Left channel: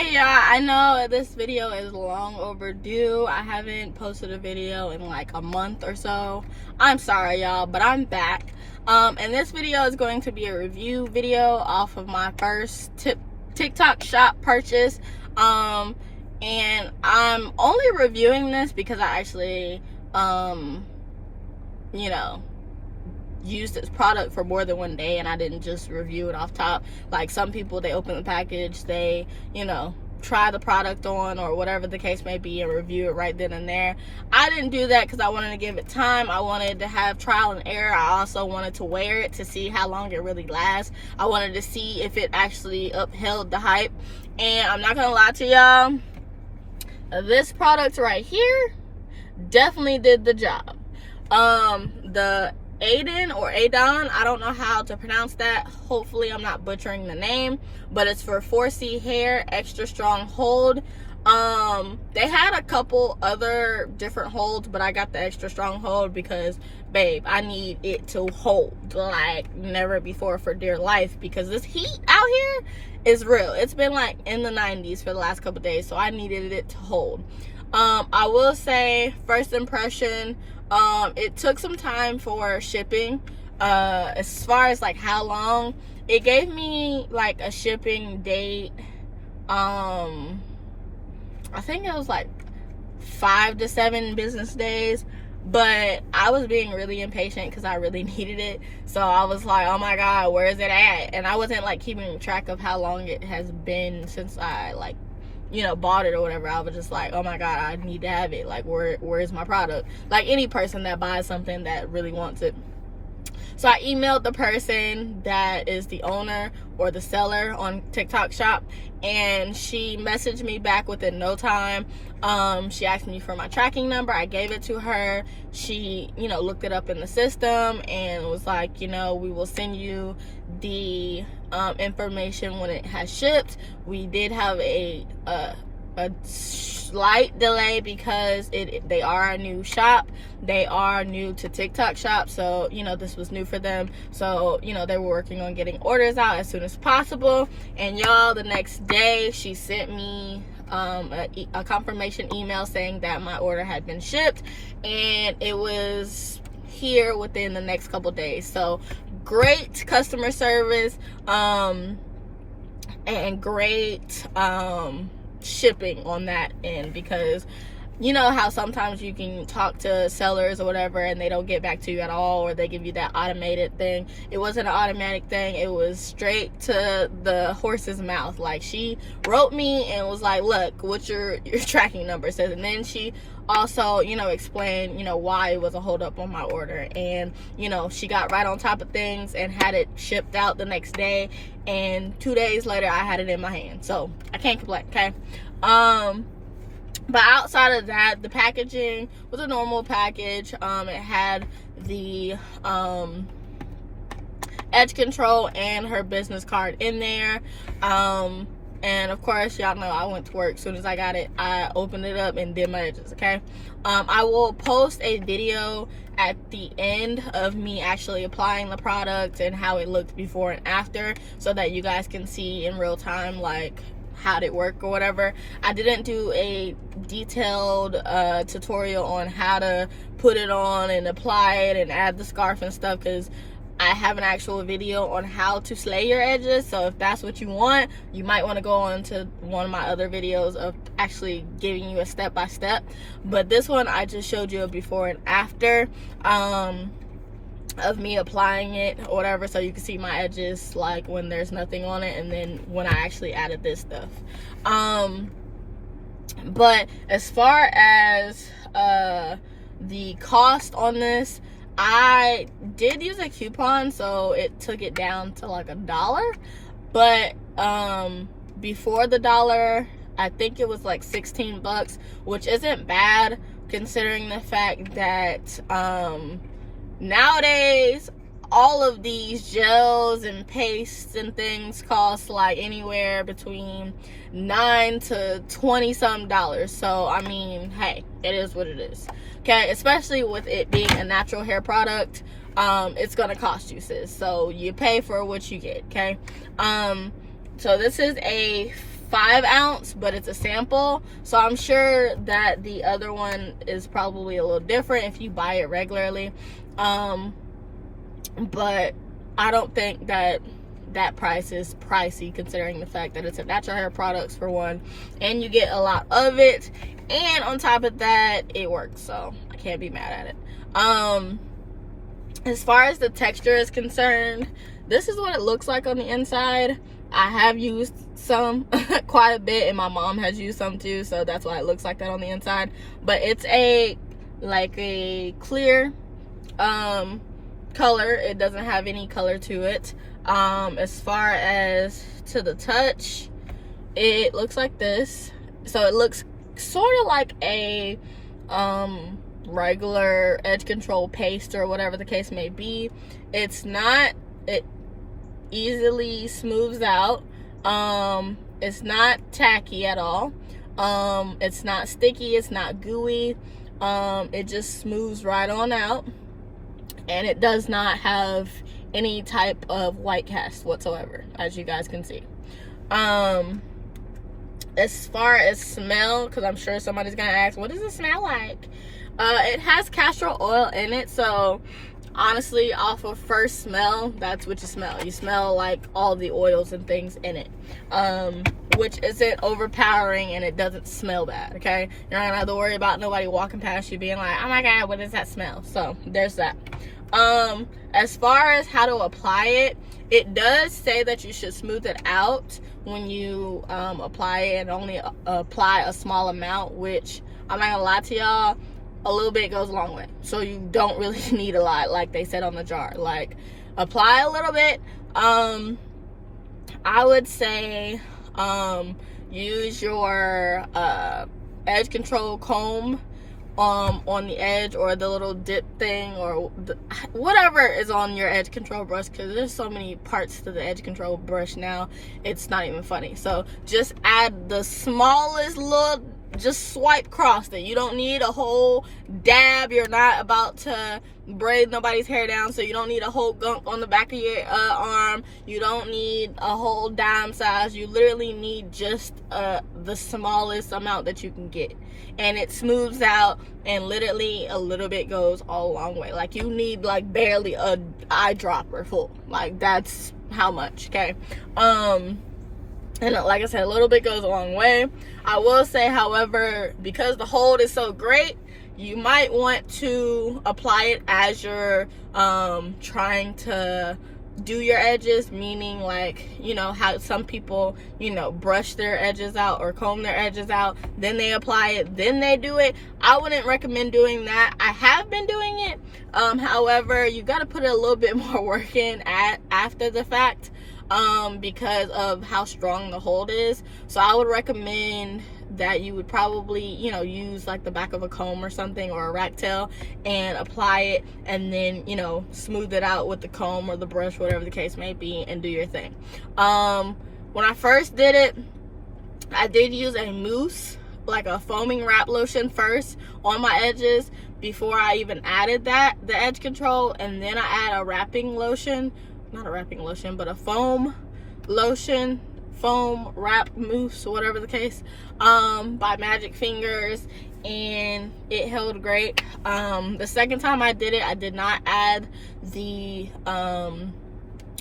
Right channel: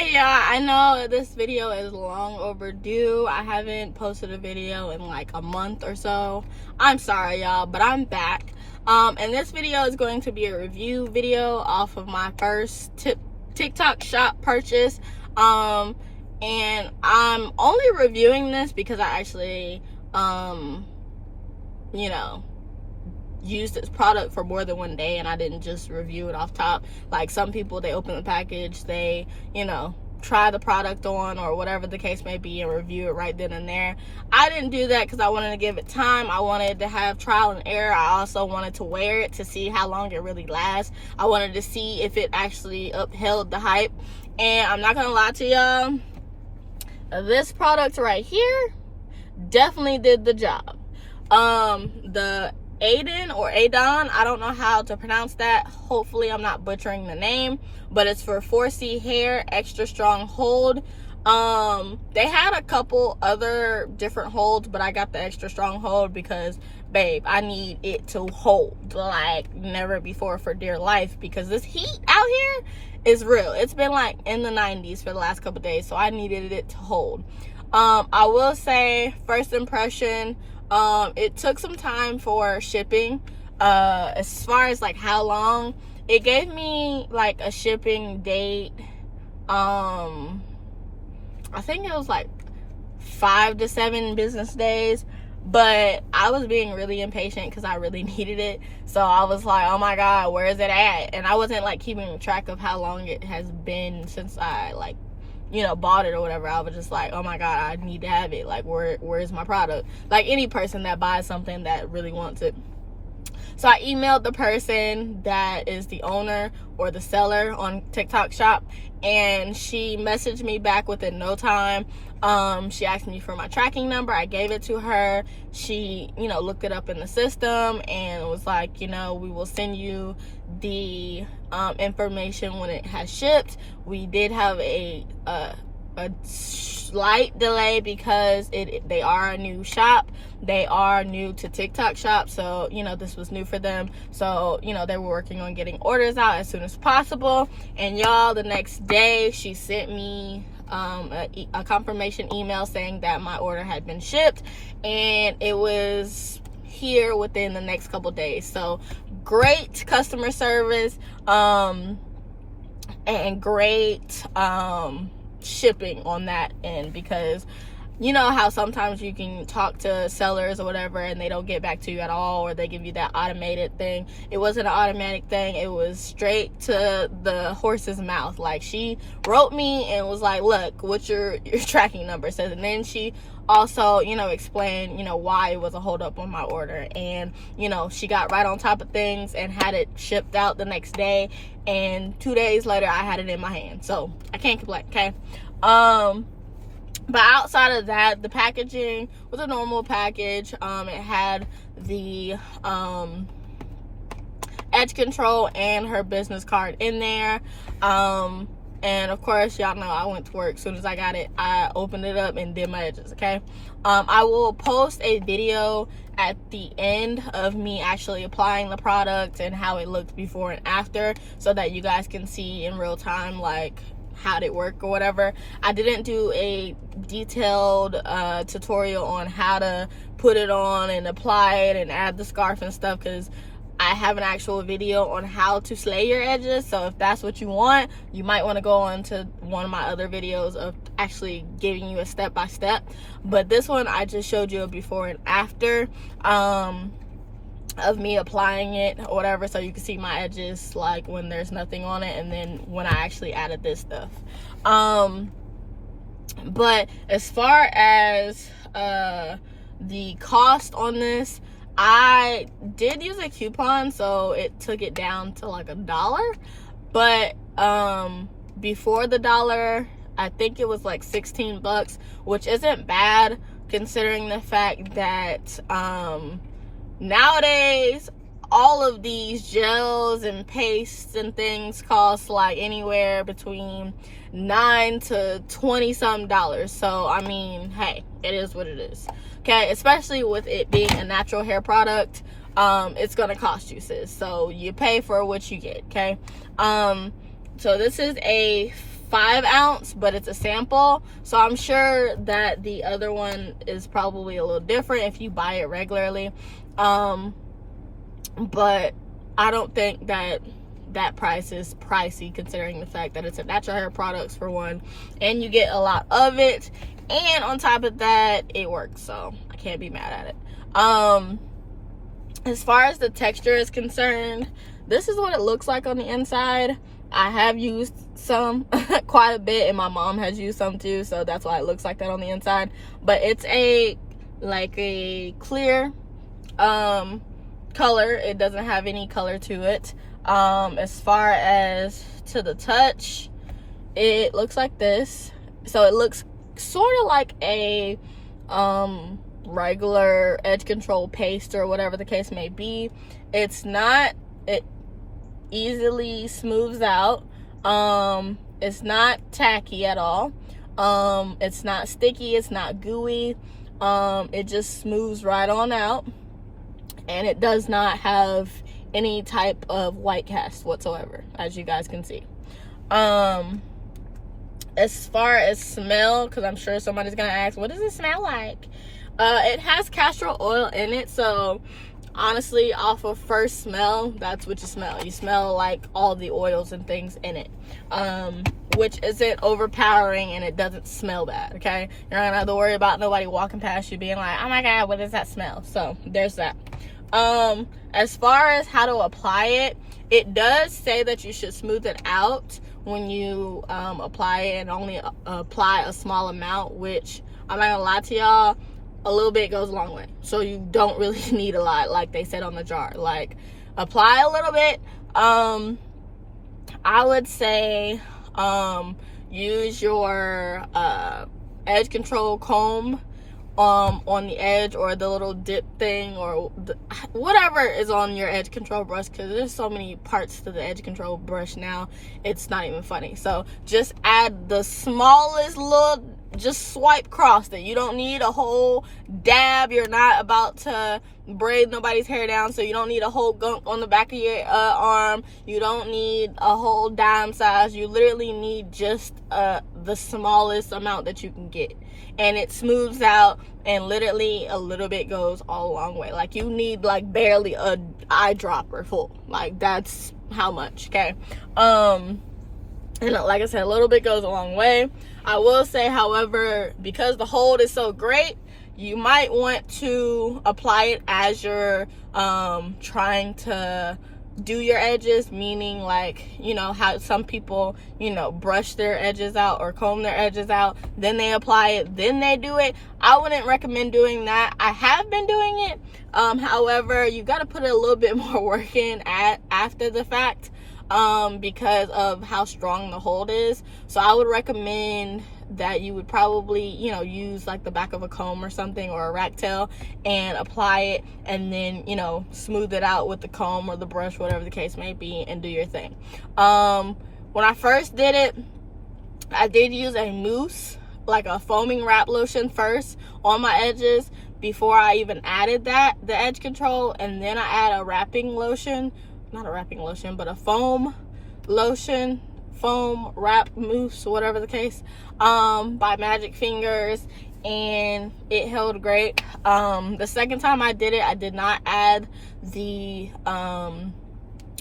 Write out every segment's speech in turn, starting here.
Hey y'all, I know this video is long overdue. I haven't posted a video in like a month or so. I'm sorry y'all, but I'm back. And this video is going to be a review video off of my first TikTok shop purchase. And I'm only reviewing this because I actually, used this product for more than one day, and I didn't just review it off top. Like some people, they open the package, they try the product on or whatever the case may be and review it right then and there. I didn't do that because I wanted to give it time. I wanted to have trial and error. I also wanted to wear it to see how long it really lasts. I wanted to see if it actually upheld the hype. And I'm not gonna lie to y'all, this product right here definitely did the job. The Adan or Adan, I don't know how to pronounce that. Hopefully I'm not butchering the name, but it's for 4C hair, extra strong hold. They had a couple other different holds, but I got the extra strong hold because, babe, I need it to hold like never before for dear life, because this heat out here is real. It's been like in the 90s for the last couple days, so I needed it to hold. I will say, first impression, it took some time for shipping. As far as like how long, it gave me like a shipping date. I think it was like 5 to 7 business days, but I was being really impatient because I really needed it. So I was like, oh my God, where is it at? And I wasn't like keeping track of how long it has been since I bought it or whatever. I was just like, oh my God, I need to have it. Like, where's my product? Like any person that buys something that really wants it. So I emailed the person that is the owner or the seller on TikTok shop, and she messaged me back within no time. She asked me for my tracking number. I gave it to her. She, looked it up in the system and was like, we will send you the information when it has shipped. We did have a slight delay because they are a new shop. They are new to TikTok shop, so this was new for them. So they were working on getting orders out as soon as possible. And y'all, the next day she sent me a confirmation email saying that my order had been shipped and it was here within the next couple days. So great customer service, and great shipping on that end, because you know how sometimes you can talk to sellers or whatever and they don't get back to you at all, or they give you that automated thing. It wasn't an automatic thing. It was straight to the horse's mouth. Like, she wrote me and was like, look, what's your tracking number says. And then she also, explained, why it was a hold up on my order. And, she got right on top of things and had it shipped out the next day. And 2 days later, I had it in my hand. So I can't complain, okay? But outside of that, the packaging was a normal package. It had the edge control and her business card in there. And of course, y'all know I went to work. As soon as I got it, I opened it up and did my edges, okay? I will post a video at the end of me actually applying the product and how it looked before and after, so that you guys can see in real time, like, how did it work or whatever. I didn't do a detailed tutorial on how to put it on and apply it and add the scarf and stuff, because I have an actual video on how to slay your edges. So if that's what you want, you might want to go on to one of my other videos of actually giving you a step-by-step. But this one, I just showed you a before and after of me applying it or whatever, so you can see my edges, like when there's nothing on it, and then when I actually added this stuff. But as far as the cost on this, I did use a coupon, so it took it down to like $1. But before the $1, I think it was like 16 bucks, which isn't bad considering the fact that nowadays all of these gels and pastes and things cost like anywhere between $9 to $20 something. So I mean, hey, it is what it is, okay? Especially with it being a natural hair product, it's gonna cost you, sis. So you pay for what you get, okay? So this is a 5 ounce, but it's a sample, so I'm sure that the other one is probably a little different if you buy it regularly. But I don't think that price is pricey, considering the fact that it's a natural hair products for one, and you get a lot of it, and on top of that it works, so I can't be mad at it. As far as the texture is concerned, this is what it looks like on the inside. I have used some quite a bit, and my mom has used some too, so that's why it looks like that on the inside. But it's a clear color. It doesn't have any color to it. As far as to the touch, it looks like this. So it looks sort of like a regular edge control paste or whatever the case may be. It's not, it easily smooths out. It's not tacky at all. It's not sticky, it's not gooey. It just smooths right on out, and it does not have any type of white cast whatsoever, as you guys can see. As far as smell, because I'm sure somebody's gonna ask, what does it smell like? It has castor oil in it, so honestly, off of first smell, that's what you smell. You smell like all the oils and things in it, which isn't overpowering, and it doesn't smell bad, okay? You're not gonna have to worry about nobody walking past you being like, oh my god, what does that smell? So there's that. As far as how to apply it, it does say that you should smooth it out when you apply it, and only apply a small amount, which I'm not gonna lie to y'all, a little bit goes a long way. So you don't really need a lot, like they said on the jar. Like, apply a little bit. I would say use your edge control comb on the edge, or the little dip thing, or whatever is on your edge control brush, because there's so many parts to the edge control brush now, it's not even funny. So just add the smallest little, just swipe across it. You don't need a whole dab. You're not about to braid nobody's hair down, so you don't need a whole gunk on the back of your arm. You don't need a whole dime size. You literally need just the smallest amount that you can get, and it smooths out, and literally a little bit goes all a long way. Like, you need like barely a eyedropper full, like that's how much, okay? And like I said, a little bit goes a long way. I will say, however, because the hold is so great, you might want to apply it as you're trying to do your edges, meaning, like, you know how some people, you know, brush their edges out or comb their edges out, then they apply it, then they do it. I wouldn't recommend doing that. I have been doing it. However, you got to put a little bit more work in after the fact, because of how strong the hold is. So I would recommend that you would probably, you know, use like the back of a comb or something, or a rat tail, and apply it, and then, you know, smooth it out with the comb or the brush, whatever the case may be, and do your thing. When I first did it, I did use a mousse, like a foaming wrap lotion first on my edges before I even added the edge control, and then I add a wrapping lotion, not a wrapping lotion, but a foam lotion, foam wrap mousse, whatever the case, by Magic Fingers, and it held great. The second time I did it, I did not add the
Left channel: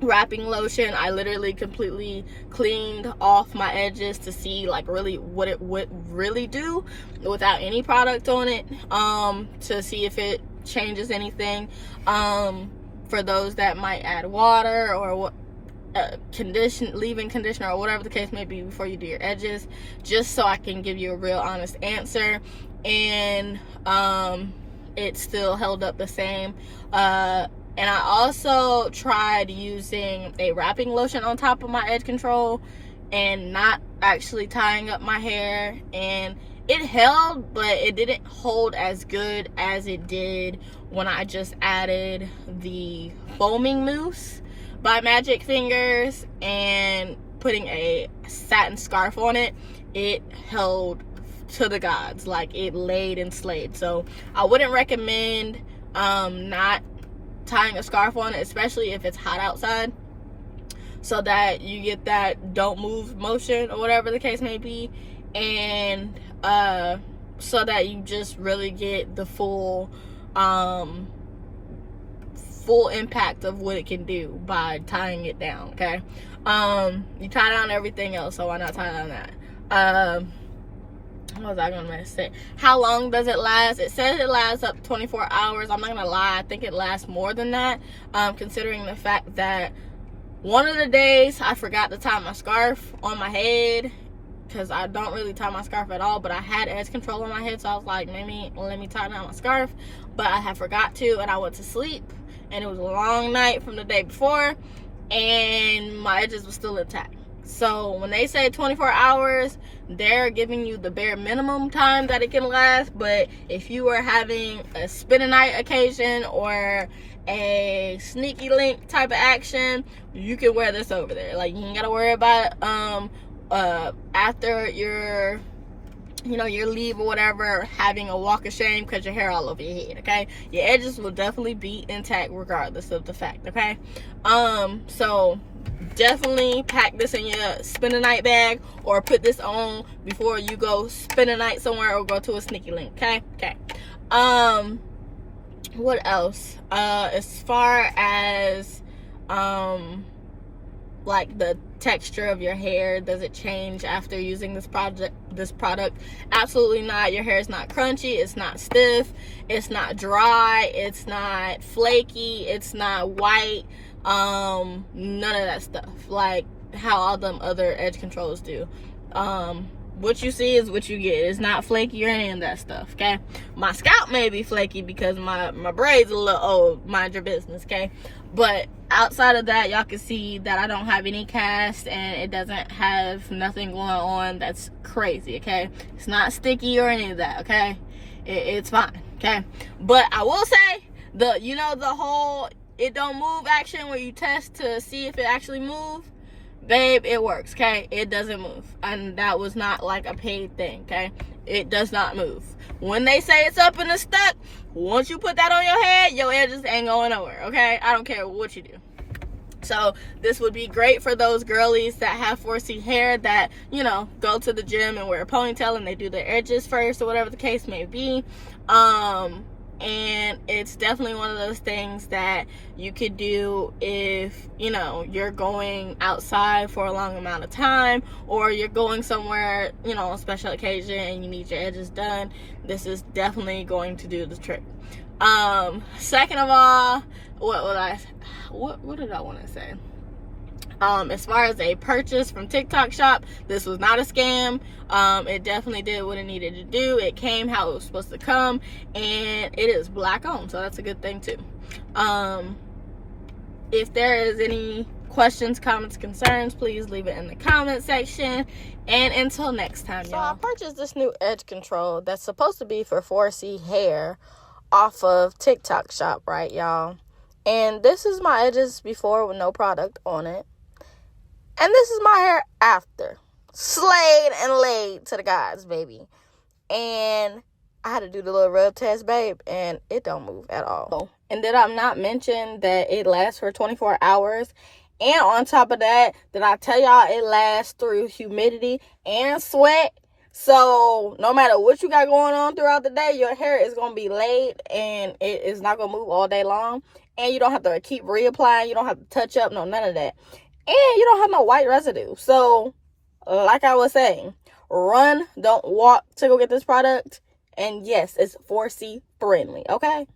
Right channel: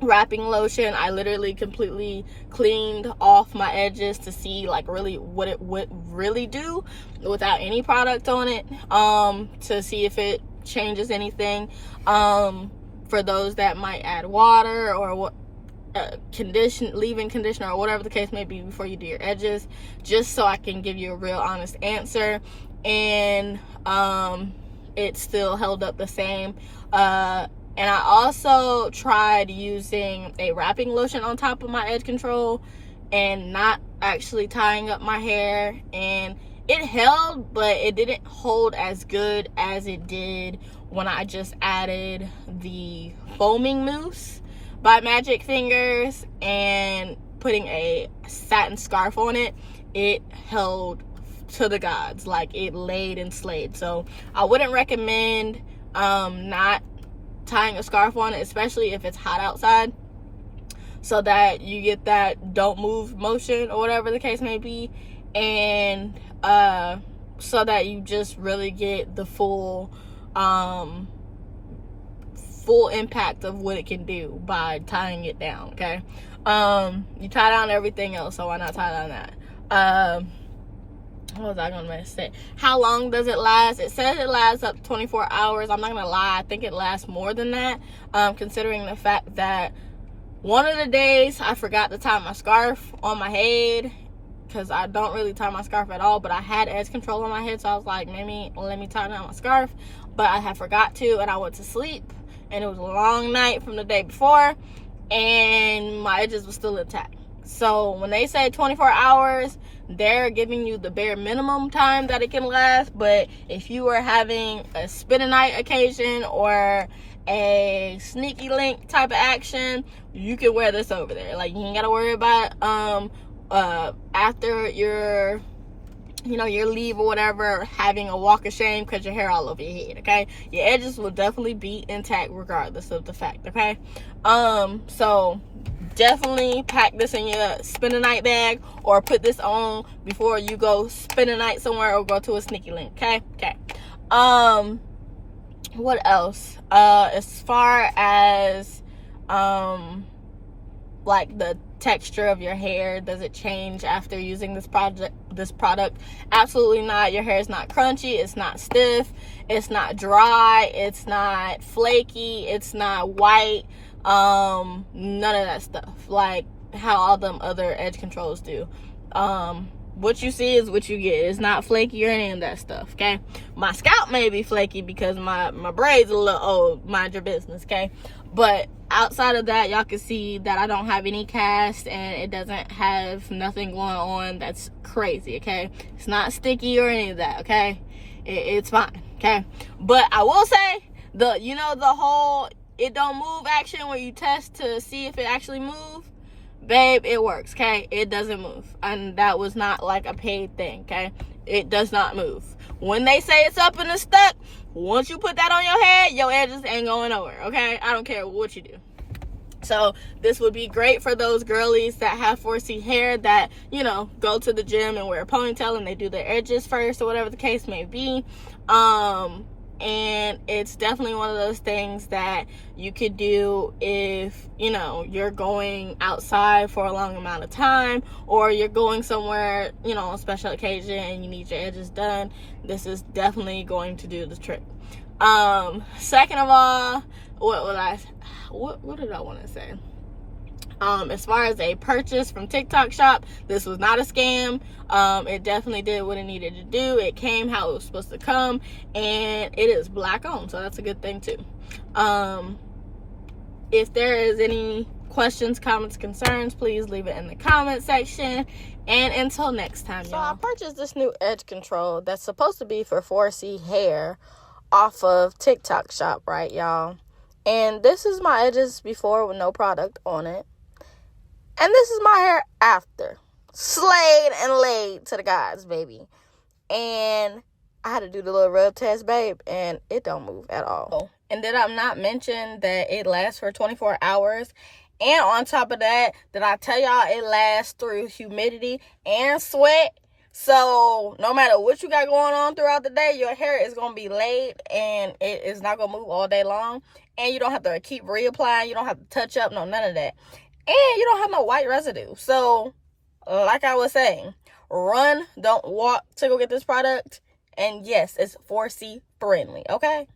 wrapping lotion. I literally completely cleaned off my edges to see like really what it would really do without any product on it, to see if it changes anything. For those that might add water or what, leave-in conditioner or whatever the case may be before you do your edges, just so I can give you a real honest answer. And it still held up the same. And I also tried using a wrapping lotion on top of my edge control and not actually tying up my hair, and it held, but it didn't hold as good as it did when I just added the foaming mousse by Magic Fingers and putting a satin scarf on it. It held to the gods, like it laid and slayed. So I wouldn't recommend not tying a scarf on it, especially if it's hot outside. so that you get that don't move motion or whatever the case may be, and so that you just really get the full impact of what it can do by tying it down. Okay, you tie down everything else, so why not tie down that? What was I gonna say? How long does it last? It says it lasts up 24 hours. I'm not gonna lie, I think it lasts more than that, considering the fact that one of the days I forgot to tie my scarf on my head, because I don't really tie my scarf at all, but I had edge control on my head, so I was like, maybe let me tie down my scarf, but I had forgot to, and I went to sleep, and it was a long night from the day before, and my edges were still intact. So when they say 24 hours, they're giving you the bare minimum time that it can last. But if you are having a spend a night occasion or a sneaky link type of action, you can wear this over there. Like, you ain't gotta worry about after your leave or whatever, having a walk of shame because your hair all over your head. Okay, your edges will definitely be intact regardless of the fact. Okay, so definitely pack this in your spend a night bag, or put this on before you go spend a night somewhere or go to a sneaky link. Okay. What else? As far as like the texture of your hair, does it change after using this product? Absolutely not. Your hair is not crunchy, it's not stiff, it's not dry, it's not flaky, it's not white, none of that stuff, like how all them other edge controls do. What you see is what you get. It's not flaky or any of that stuff. Okay, my scalp may be flaky because my braids a little old, mind your business. Okay, but outside of that, y'all can see that I don't have any cast, and it doesn't have nothing going on that's crazy. Okay, it's not sticky or any of that. Okay, it's fine. Okay, but I will say the whole it don't move action where you test to see if it actually moves, babe, it works. Okay, it doesn't move, and that was not like a paid thing. Okay, it does not move. When they say it's up and it's stuck, once you put that on your head, your edges ain't going nowhere. Okay, I don't care what you do. So this would be great for those girlies that have 4C hair that, go to the gym and wear a ponytail and they do their edges first or whatever the case may be. And it's definitely one of those things that you could do if, you're going outside for a long amount of time, or you're going somewhere, on a special occasion and you need your edges done. This is definitely going to do the trick. Second of all, what did I want to say? As far as a purchase from TikTok shop, this was not a scam. It definitely did what it needed to do. It came how it was supposed to come, and it is black owned, so that's a good thing too. If there is any questions, comments, concerns, please leave it in the comment section. And until next time, y'all. So I purchased this new edge control that's supposed to be for 4C hair off of TikTok shop, right, y'all? And this is my edges before with no product on it. And this is my hair after. Slayed and laid to the gods, baby. And I had to do the little rub test, babe, and it don't move at all. And did I not mention that it lasts for 24 hours? And on top of that, did I tell y'all it lasts through humidity and sweat? So no matter what you got going on throughout the day, your hair is going to be laid and it is not going to move all day long. And you don't have to keep reapplying. You don't have to touch up. No, none of that. And you don't have no white residue. So like I was saying, run, don't walk to go get this product. And yes, it's 4C friendly. Okay.